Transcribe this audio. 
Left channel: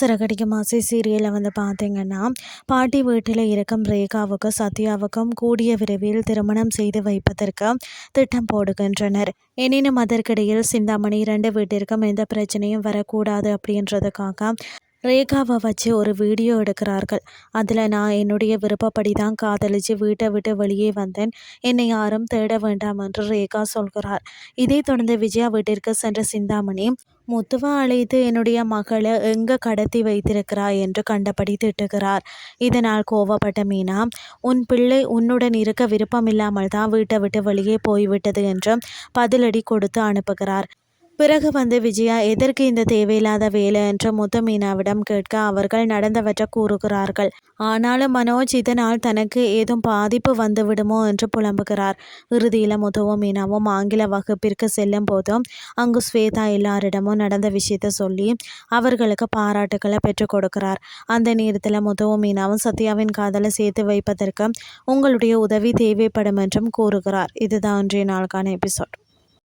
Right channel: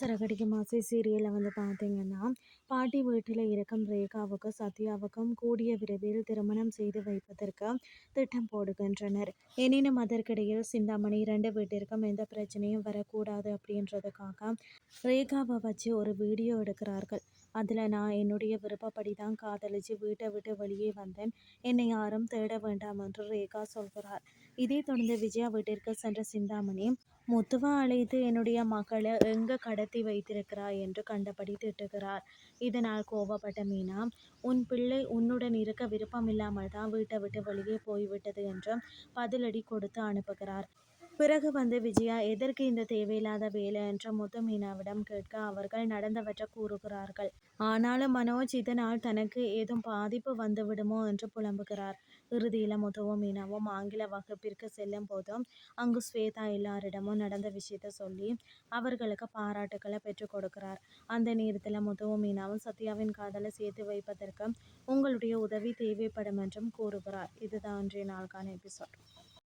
சிறகடிக்கும் ஆசை சீரியலில் பார்த்தீங்கன்னா, பாட்டி வீட்டில் இருக்கும் ரேகாவுக்கும் சத்யாவுக்கும் கூடிய விரைவில் திருமணம் செய்து வைப்பதற்கு திட்டம் போடுகின்றனர். எனினும் அதற்கிடையில் சிந்தாமணி 2 வீட்டிற்கும் எந்த பிரச்சனையும் வரக்கூடாது அப்படின்றதுக்காக ரேகாவை வச்சு ஒரு வீடியோ எடுக்கிறார்கள். அதில் நான் என்னுடைய விருப்பப்படி தான் காதலிச்சு வீட்டை விட்டு வெளியே வந்தேன், என்னை யாரும் தேட வேண்டாம் என்று ரேகா சொல்கிறார். இதைத் தொடர்ந்து விஜயா வீட்டிற்கு சென்ற சிந்தாமணி முத்துவா அழைத்து என்னுடைய மகளை எங்கே கடத்தி வைத்திருக்கிறாய் என்று கண்டபடி திட்டுகிறார். இதனால் கோவப்பட்ட மீனா, உன் பிள்ளை உன்னுடன் இருக்க விருப்பமில்லாமல் தான் வீட்டை விட்டு வெளியே போய்விட்டது என்று பதிலடி கொடுத்து அனுப்புகிறார். பிறகு விஜயா எதற்கு இந்த தேவையில்லாத வேலை என்று முத்து மீனாவிடம் கேட்க அவர்கள் நடந்தவற்றை கூறுகிறார்கள். ஆனாலும் மனோஜ் இதனால் தனக்கு ஏதும் பாதிப்பு வந்துவிடுமோ என்று புலம்புகிறார். இறுதியில் முத்துவும் மீனாவும் ஆங்கில வகுப்பிற்கு செல்லும் போதும் அங்கு ஸ்வேதா எல்லாரிடமும் நடந்த விஷயத்தை சொல்லி அவர்களுக்கு பாராட்டுக்களை பெற்றுக் கொடுக்கிறார். அந்த நேரத்தில் முத்துவும் மீனாவும் சத்யாவின் காதலை சேர்த்து வைப்பதற்கு உங்களுடைய உதவி தேவைப்படும் என்றும் கூறுகிறார். இதுதான் இன்றைய நாளுக்கான எபிசோட்.